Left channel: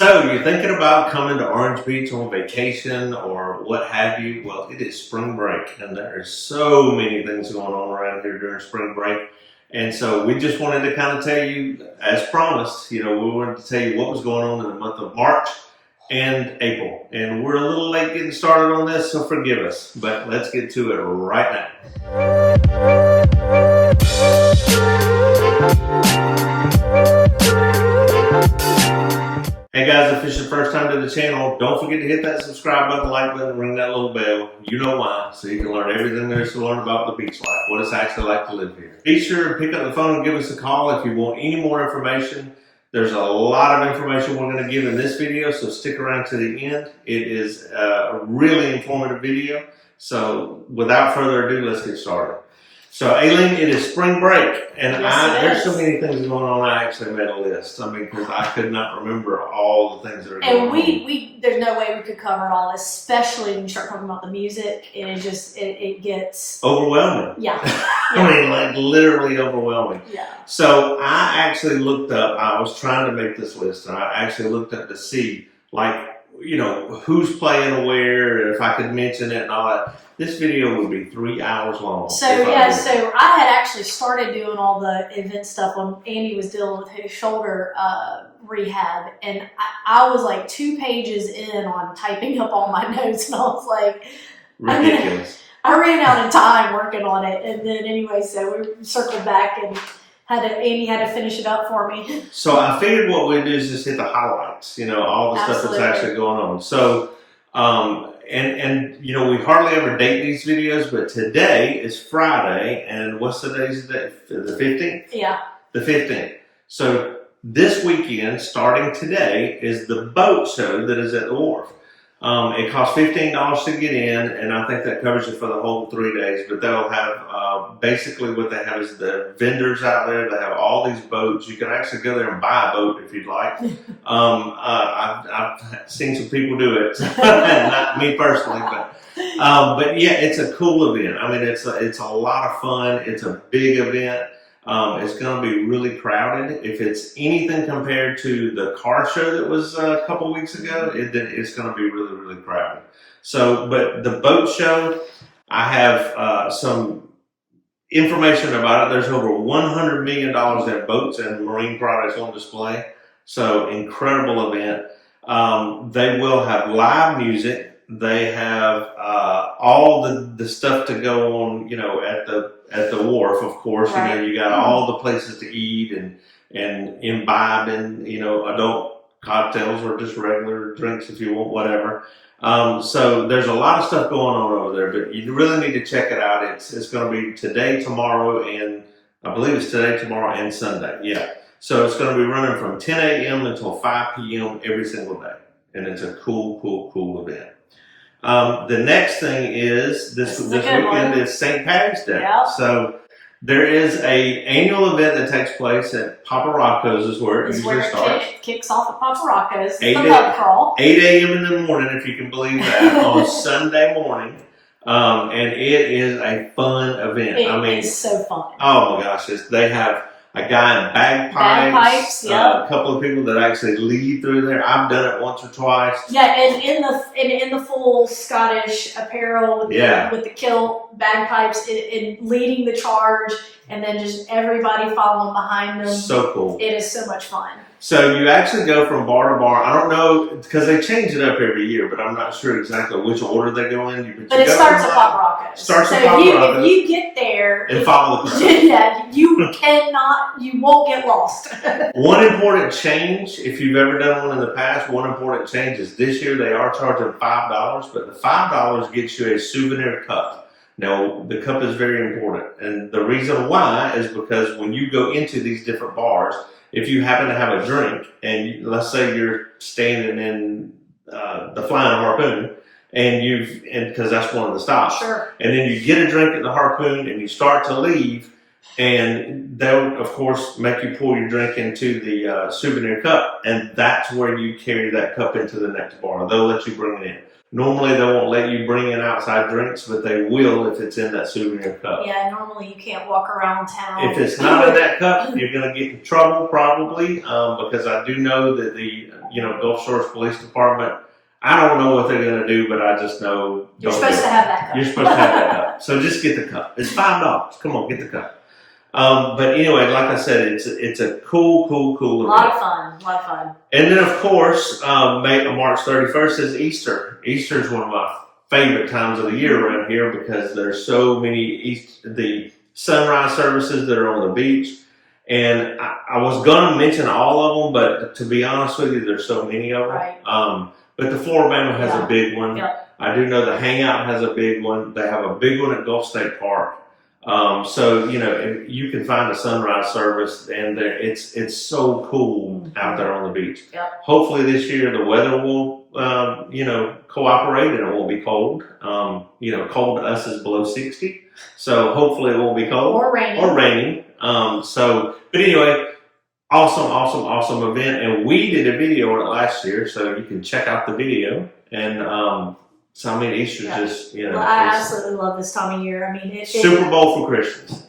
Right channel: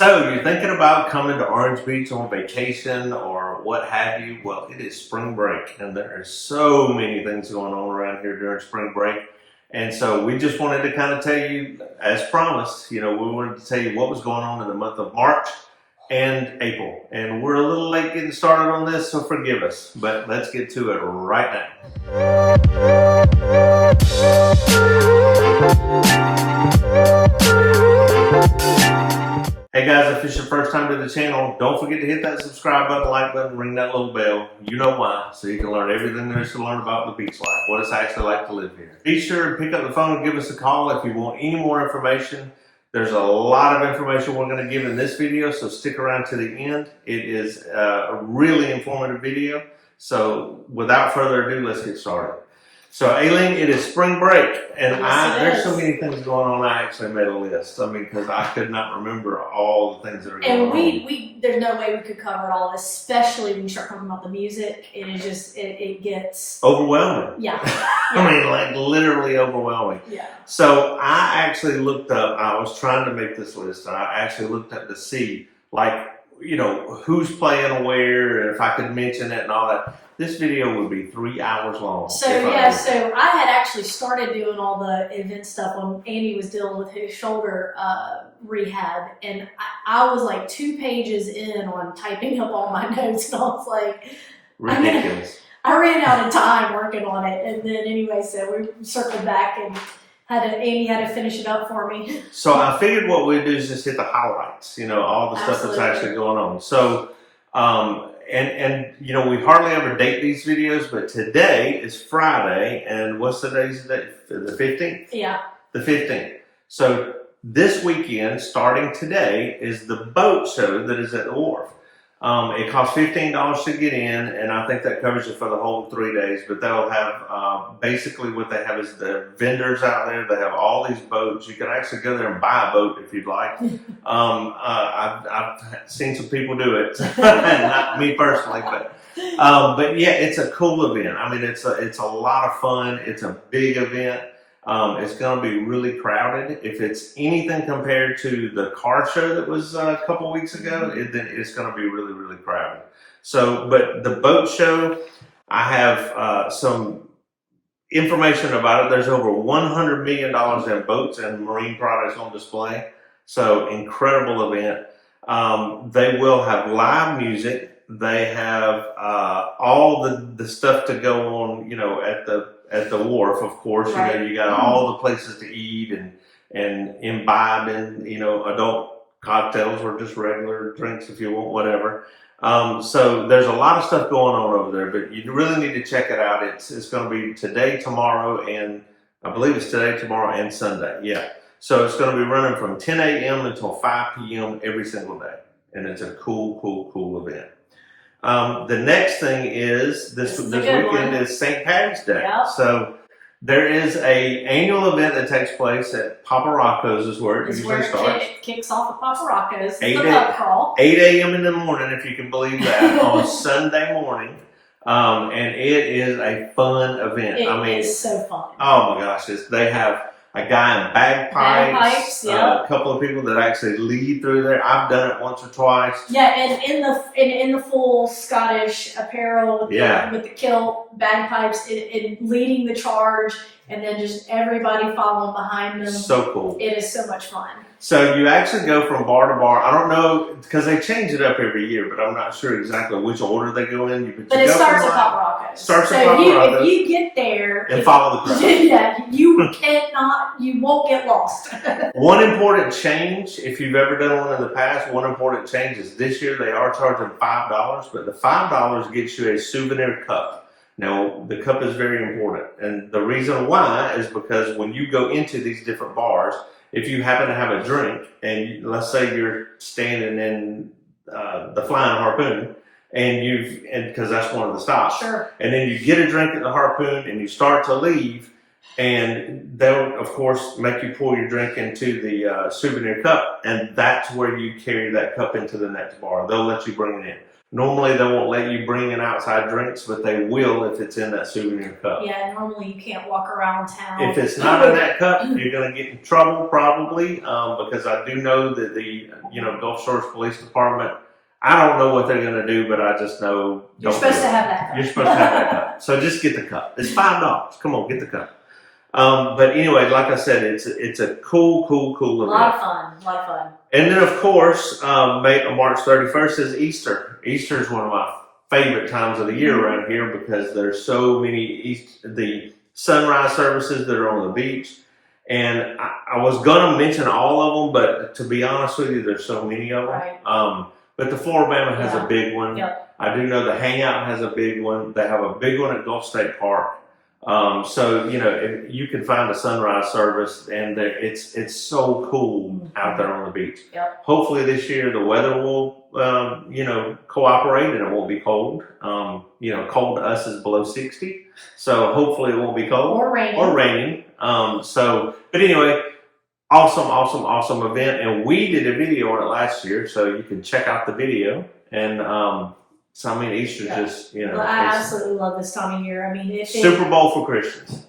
So you're thinking about coming to Orange Beach on vacation or what have you? Well, it is spring break and there are so many things going on around here during spring break. And so we just wanted to kind of tell you, as promised, we wanted to tell you what was going on in the month of March and April. And we're a little late getting started on this, so forgive us. But let's get to it right now. Hey guys, if it's your first time to the channel, don't forget to hit that subscribe button, like button, ring that little bell. You know why, so you can learn everything there is to learn about the beach life, what it's actually like to live here. Be sure to pick up the phone and give us a call if you want any more information. There's a lot of information we're going to give in this video, so stick around to the end. It is a really informative video. So without further ado, let's get started. So Aileen, it is spring break, and there's so many things going on. I actually made a list. Because I could not remember all the things that are going on. And there's no way we could cover it all, especially when you start talking about the music. And it just it gets overwhelming. Yeah. I mean, like literally overwhelming. Yeah. So I actually looked up. I was trying to make this list, and I actually looked up to see, who's playing where, and if I could mention it and all that. This video would be 3 hours long. So I had actually started doing all the event stuff when Andy was dealing with his shoulder rehab, and I was like 2 pages in on typing up all my notes, and I was like, ridiculous. I ran out of time working on it, and then anyway, so we circled back and Andy had to finish it up for me. So I figured what we'd do is just hit the highlights, all the stuff that's actually going on. So, we hardly ever date these videos, but today is Friday, and what's the day's day? The 15th? Yeah. The 15th. So this weekend, starting today, is the boat show that is at the Wharf. It costs $15 to get in, and I think that covers you for the whole 3 days, but they'll have, basically what they have is the vendors out there. They have all these boats. You can actually go there and buy a boat if you'd like. I've seen some people do it, not me personally, but yeah, it's a cool event. I mean, it's a lot of fun. It's a big event. It's going to be really crowded. If it's anything compared to the car show that was a couple weeks ago, it's going to be really, really crowded. So, but the boat show, I have some information about it. There's over $100 million in boats and marine products on display. So, incredible event. They will have live music. They have all the stuff to go on, at the Wharf, of course. Right. You got all the places to eat and imbibe in, adult cocktails or just regular drinks if you want, whatever. So there's a lot of stuff going on over there, but you really need to check it out. It's going to be today, tomorrow, and I believe it's today, tomorrow, and Sunday. Yeah. So it's going to be running from 10 a.m. until 5 p.m. every single day. And it's a cool event. The next thing is this weekend is St. Patty's Day. Yep. So there is a annual event that takes place at Papa Rocco's is where it usually starts. It kicks off at Papa Rocco's. 8 a.m. in the morning, if you can believe that, on Sunday morning. And it is a fun event. It is so fun. Oh my gosh, they have a guy in bagpipes, yeah. A couple of people that actually lead through there. I've done it once or twice. Yeah, and in the full Scottish apparel with the kilt, bagpipes, and leading the charge, and then just everybody following behind them. So cool. It is so much fun. So you actually go from bar to bar. I don't know, because they change it up every year, but I'm not sure exactly which order they go in. But it starts at Papa Rocco's. If you get there and follow the crowd. Yeah, you won't get lost. One important change, if you've ever done one in the past, one important change is this year they are charging $5, but the $5 gets you a souvenir cup. Now, the cup is very important, and the reason why is because when you go into these different bars, if you happen to have a drink, and let's say you're standing in the Flying Harpoon, and because that's one of the stops, sure. And then you get a drink at the Harpoon, and you start to leave, and they'll of course make you pour your drink into the souvenir cup, and that's where you carry that cup into the next bar. They'll let you bring it in. Normally they won't let you bring in outside drinks, but they will if it's in that souvenir cup. Yeah, normally you can't walk around town. If it's not in that cup, you're going to get in trouble probably, because I do know that the Gulf Shores Police Department, I don't know what they're going to do, but I just know You're supposed to have that cup. You're supposed to have that cup. So just get the cup. It's $5. Come on, get the cup. But anyway, like I said, it's a cool event. A lot of fun. And then of course, March 31st is Easter. Easter is one of my favorite times of the year around here because there's so many the sunrise services that are on the beach. And I was going to mention all of them, but to be honest with you, there's so many of them. Right. But the Florabama has a big one. Yep. I do know the Hangout has a big one. They have a big one at Gulf State Park. So if you can find a sunrise service, and it's so cool out there on the beach. Yep. Hopefully this year the weather will cooperate and it won't be cold. Cold to us is below 60, so hopefully it won't be cold or raining. But anyway, awesome event, and we did a video on it last year, so you can check out the video. And so I mean, Easter's just Well, I absolutely love this time of year. I mean, Super Bowl for Christians.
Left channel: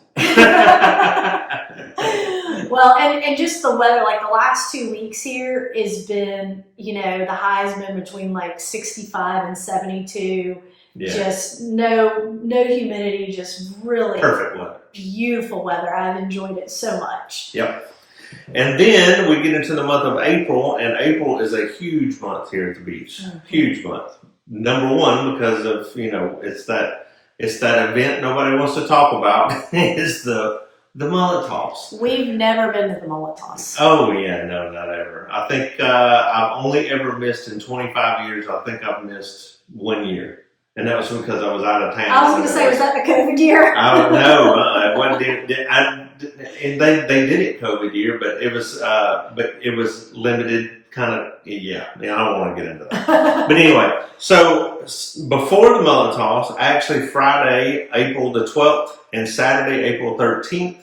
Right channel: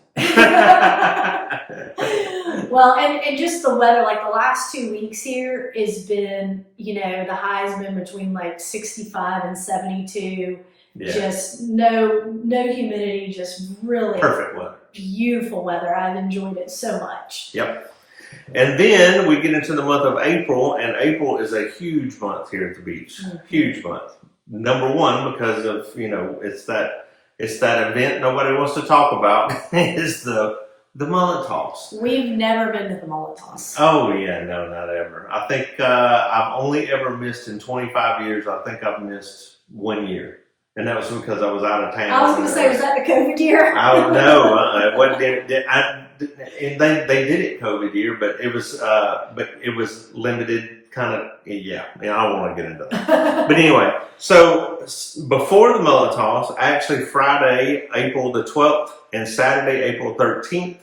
Well, and just the weather, like the last 2 weeks here has been, the high's been between like 65 and 72. Yeah. Just no humidity, just really perfect weather. Beautiful weather. I've enjoyed it so much. Yep. And then we get into the month of April, and April is a huge month here at the beach. Mm-hmm. Huge month. Number one, because of, it's that event nobody wants to talk about is the mullet toss. We've never been to the mullet toss. Oh yeah, no, not ever. I think I've only ever missed in 25 years. I think I've missed 1 year, and that was because I was out of town. I was going to say, was that the COVID year? I don't know. It wasn't. And they did it COVID year, but it was limited. Kind of, yeah. I don't want to get into that. But anyway, so before the mullet toss, actually Friday, April the 12th, and Saturday, April 13th,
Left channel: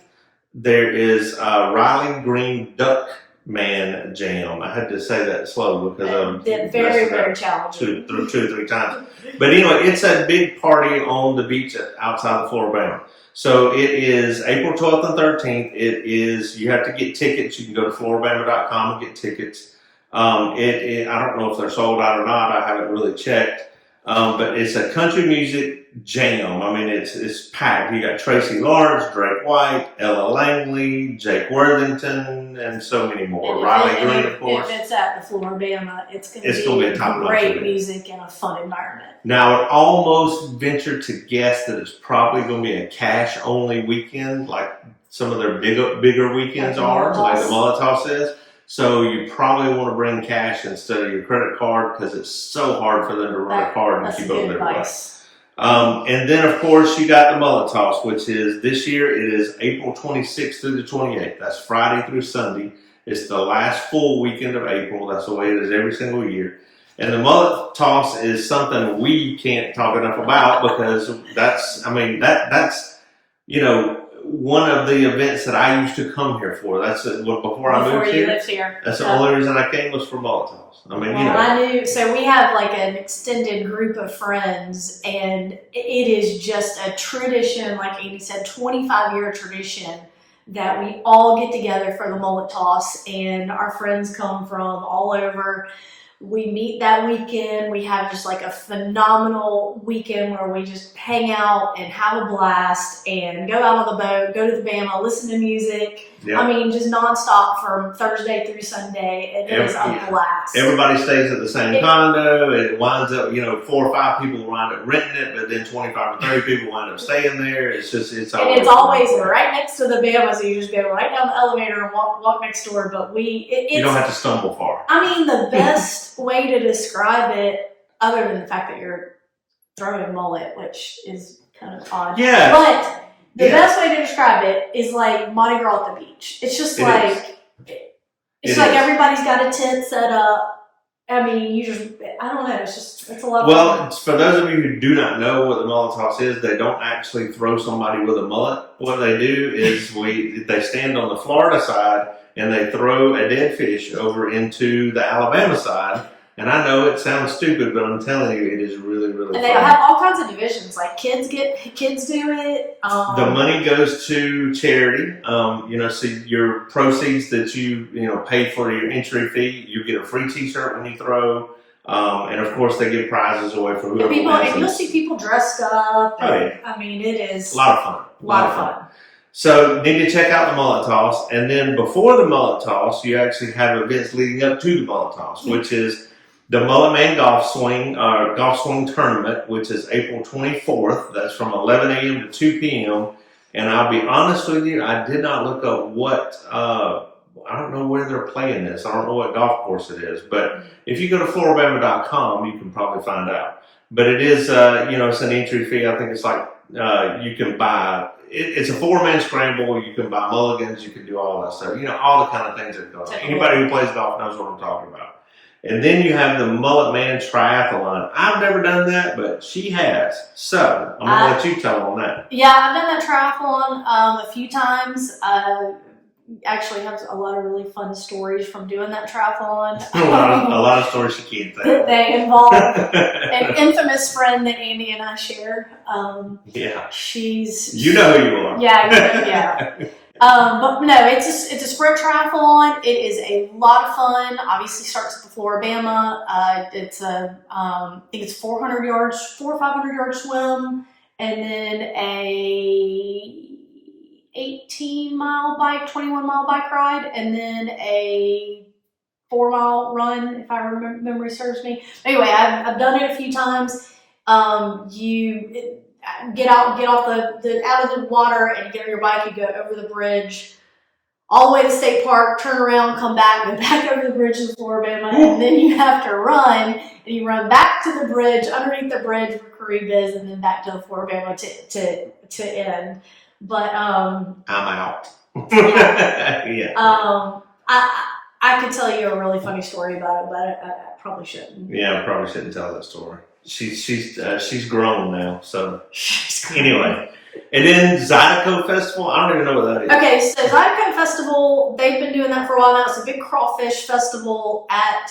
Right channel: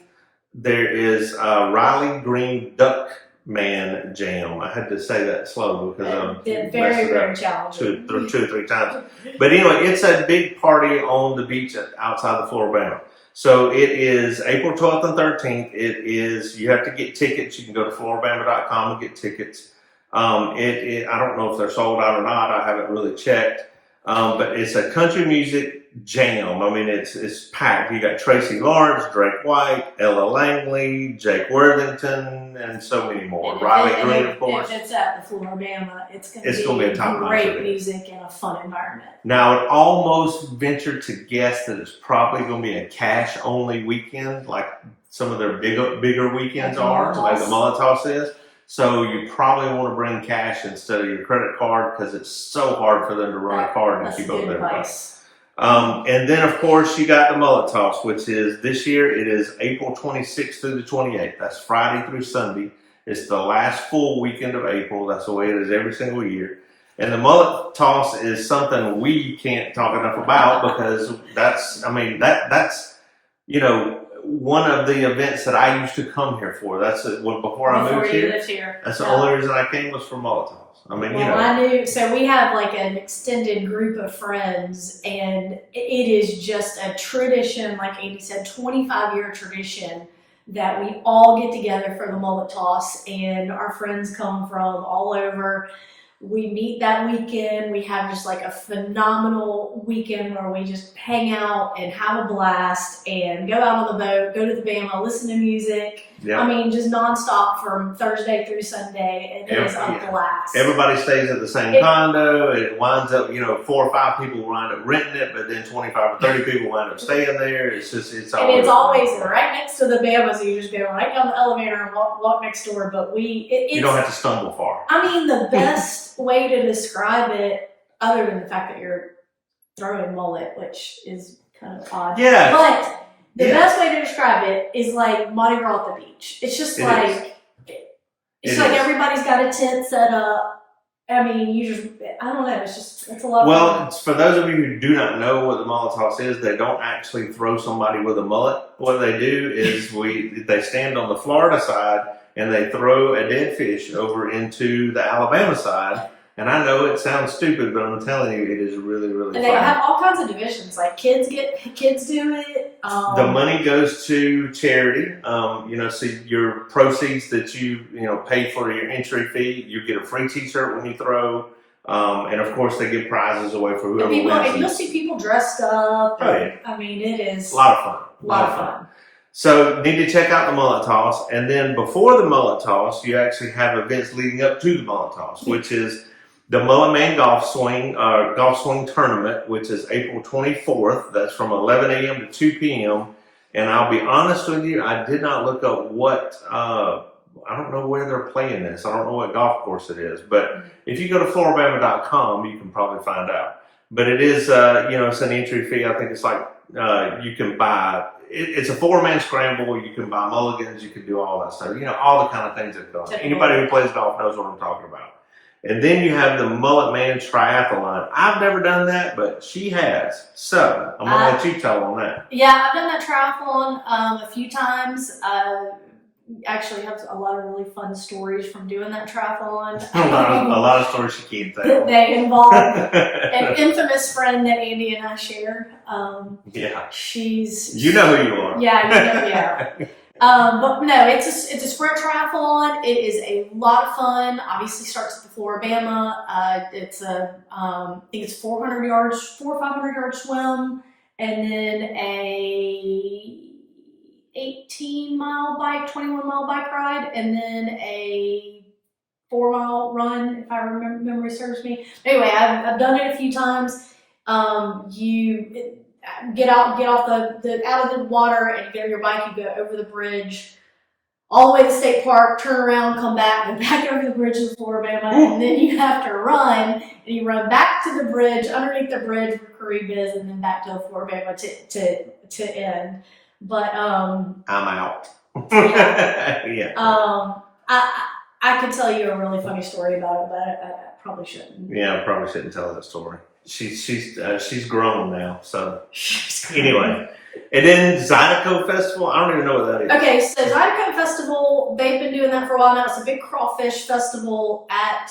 there is Riley Green Duckman Jam. I had to say that slow because I'm very challenging. two or three times. But anyway, it's a big party on the beach outside of Florabama. So it is April 12th and 13th. You have to get tickets. You can go to florabama.com and get tickets. I don't know if they're sold out or not. I haven't really checked. But it's a country music jam. I mean, it's packed. You got Tracy Lawrence, Drake White, Ella Langley, Jake Worthington, and so many more. Riley Green, of course. If it's at the Florabama, it's going to be a top great music and a fun environment. Now, I would almost venture to guess that it's probably going to be a cash-only weekend, like some of their bigger weekends are, like the mullet toss is. So you probably want to bring cash instead of your credit card because it's so hard for them to run a card and keep up with everybody. And then, of course, you got the mullet toss, which is this year it is April 26th through the 28th. That's Friday through Sunday. It's the last full weekend of April. That's the way it is every single year. And the mullet toss is something we can't talk enough about because that's one of the events that I used to come here for. That's before I moved here. That's the only reason I came was for mullet toss. I knew. So we have like an extended group of friends, and it is just a tradition. Like Andy said, 25-year tradition that we all get together for the mullet toss, and our friends come from all over. We meet that weekend. We have just like a phenomenal weekend where we just hang out and have a blast and go out on the boat, go to the Bama, listen to music. Yep. I mean, just nonstop from Thursday through Sunday. It is a blast. Everybody stays at the same condo. It winds up, 4 or 5 people wind up renting it, but then 25 or 30 people wind up staying there. It's always right next to the Bama, so you just go right down the elevator and walk next door. But you don't have to stumble far. I mean, the best way to describe it, other than the fact that you're throwing mullet, which is kind of odd. Yeah. But the best way to describe it is like Mardi Gras at the beach. It's just it's like everybody's got a tent set up. I mean, I don't know, it's a lot of fun. Well, for those of you who do not know what the mullet toss is, they don't actually throw somebody with a mullet. What they do is they stand on the Florida side and they throw a dead fish over into the Alabama side. And I know it sounds stupid, but I'm telling you, it is really, really And fun. they have all kinds of divisions. Like kids do it. The money goes to charity. So your proceeds that you pay for your entry fee, you get a free T-shirt when you throw, and of course they give prizes away for whoever wins. And you'll see people dressed up. Oh yeah, I mean it is a lot of fun. A lot of fun. So need to check out the mullet toss, and then before the mullet toss, you actually have events leading up to the mullet toss, which is the Mullet Man Golf Swing Tournament, which is April 24th. That's from 11 a.m. to 2 p.m. And I'll be honest with you, I did not look up what, I don't know where they're playing this. I don't know what golf course it is. But if you go to Florabama.com, you can probably find out. But it is, it's an entry fee. I think it's like you can buy, it's a 4-man scramble. You can buy mulligans. You can do all that stuff. All the kind of things that go on. Anybody who plays golf knows what I'm talking about. And then you have the Mullet Man Triathalon. I've never done that, but she has. So I'm going to let you tell on that. Yeah, I've done that triathlon a few times. Actually have a lot of really fun stories from doing that triathlon. a lot of stories she can't tell. They involve an infamous friend that Andy and I share. Yeah. You know who you are. Yeah. But no, it's a sprint triathlon. It is a lot of fun. Obviously starts at the Florabama. It's I think it's 400 yards, 400 or 500 yard swim, and then a 18-mile bike, 21-mile bike ride, and then a 4-mile run, if I remember, memory serves me. Anyway, I've done it a few times. Get off the out of the water and get on your bike. You go over the bridge, all the way to the state park, turn around, come back, go back over the bridge to Florabama, and then you have to run. And you run back to the bridge, underneath the bridge where Currington is, and then back to Florabama to end. But I'm out. Yeah. I could tell you a really funny story about it, but I probably shouldn't. Yeah, I probably shouldn't tell that story. She's grown now, so anyway. And then Zydeco Festival, I don't even know what that is. Okay, so Zydeco Festival, they've been doing that for a while now. It's a big crawfish festival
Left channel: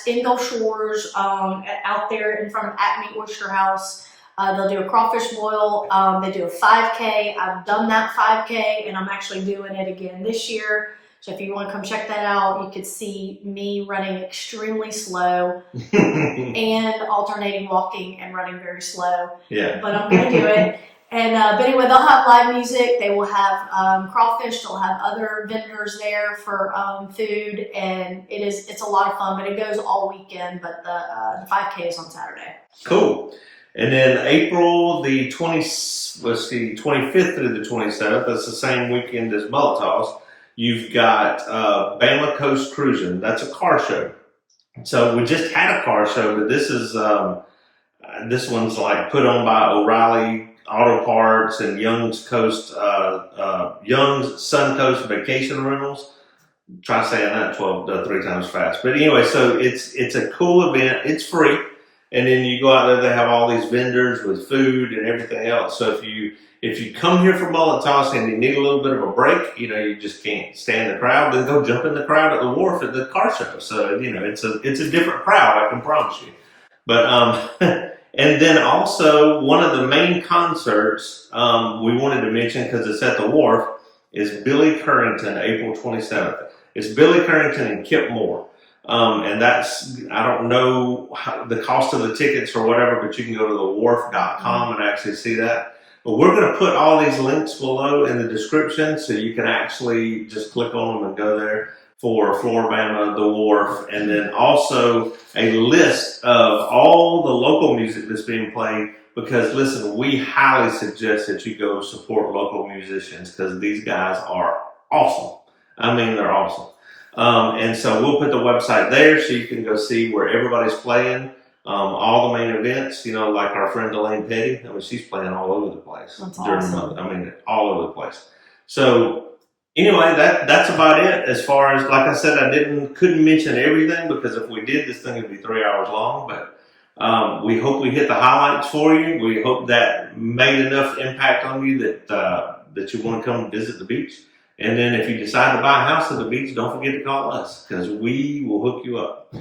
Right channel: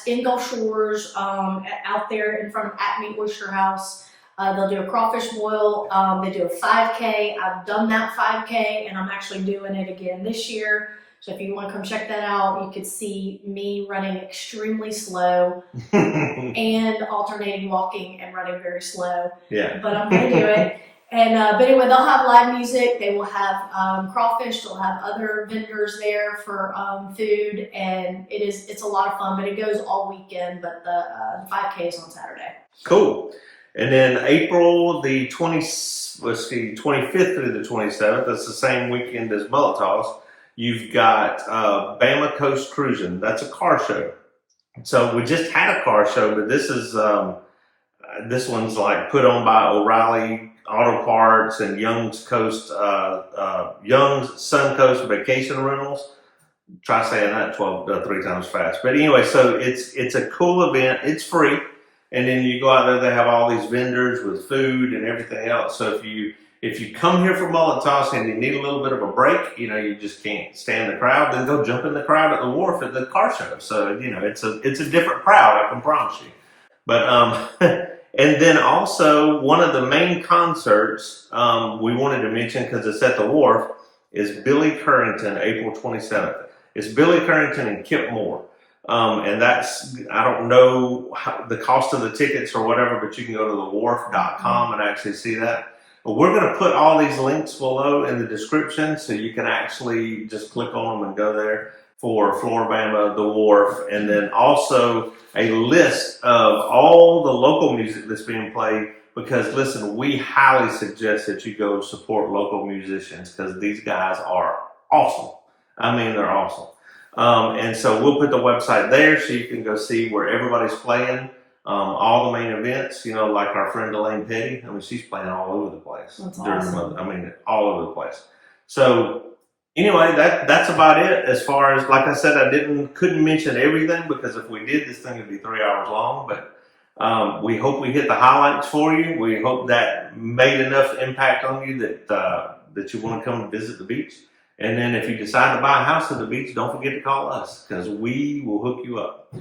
in Gulf Shores, out there in front of Acme Oyster House. They'll do a crawfish boil. They do a 5K. I've done that 5K, and I'm actually doing it again this year. So if you want to come check that out, you could see me running extremely slow and alternating walking and running very slow. Yeah. But I'm going to do it. And but anyway, they'll have live music. They will have crawfish. They'll have other vendors there for food, and it's a lot of fun. But it goes all weekend. But the 5K is on Saturday. Cool. And then April the 25th through the 27th. That's the same weekend as Mullet Toss. You've got Bama Coast Cruisin. That's a car show. So we just had a car show, but this one's like put on by O'Reilly Auto Parts and Young's Sun Coast Vacation Rentals. Try saying that 3 times fast. But anyway, so it's a cool event. It's free, and then you go out there. They have all these vendors with food and everything else. So if you come here for mullet toss and you need a little bit of a break, you just can't stand the crowd, then go jump in the crowd at the Wharf at the car show. So, it's a different crowd, I can promise you. But, and then also one of the main concerts we wanted to mention, because it's at the Wharf, is Billy Currington, April 27th. It's Billy Currington and Kip Moore. And that's, I don't know the cost of the tickets or whatever, but you can go to thewharf.com and actually see that. But we're going to put all these links below in the description, so you can actually just click on them and go there for Florabama, the Wharf, and then also a list of all the local music that's being played. Because listen, we highly suggest that you go support local musicians, because these guys are awesome. I mean, they're awesome. And so we'll put the website there so you can go see where everybody's playing. All the main events, like our friend Elaine Petty. I mean, she's playing all over the place. That's during awesome. the month. I mean, all over the place. So anyway, that's about it. As far as, like I said, couldn't mention everything, because if we did, this thing would be 3 hours long. But we hope we hit the highlights for you. We hope that made enough impact on you that you want to come visit the beach. And then if you decide to buy a house at the beach, don't forget to call us because we will hook you up.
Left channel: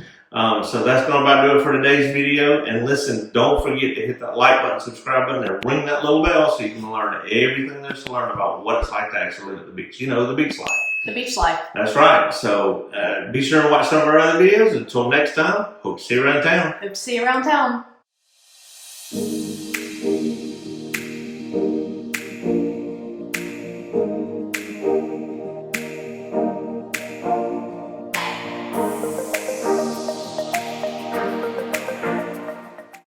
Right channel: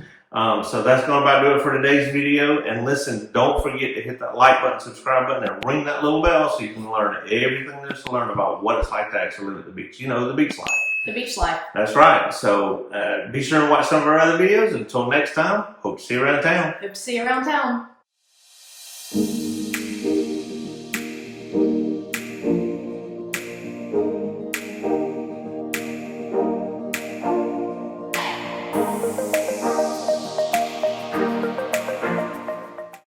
So that's going to about do it for today's video. And listen, don't forget to hit that like button, subscribe button, and ring that little bell so you can learn everything there's to learn about what it's like to actually live at the beach. You know, the beach life. The beach life. That's right. So be sure to watch some of our other videos. Until next time, hope to see you around town. Hope to see you around town.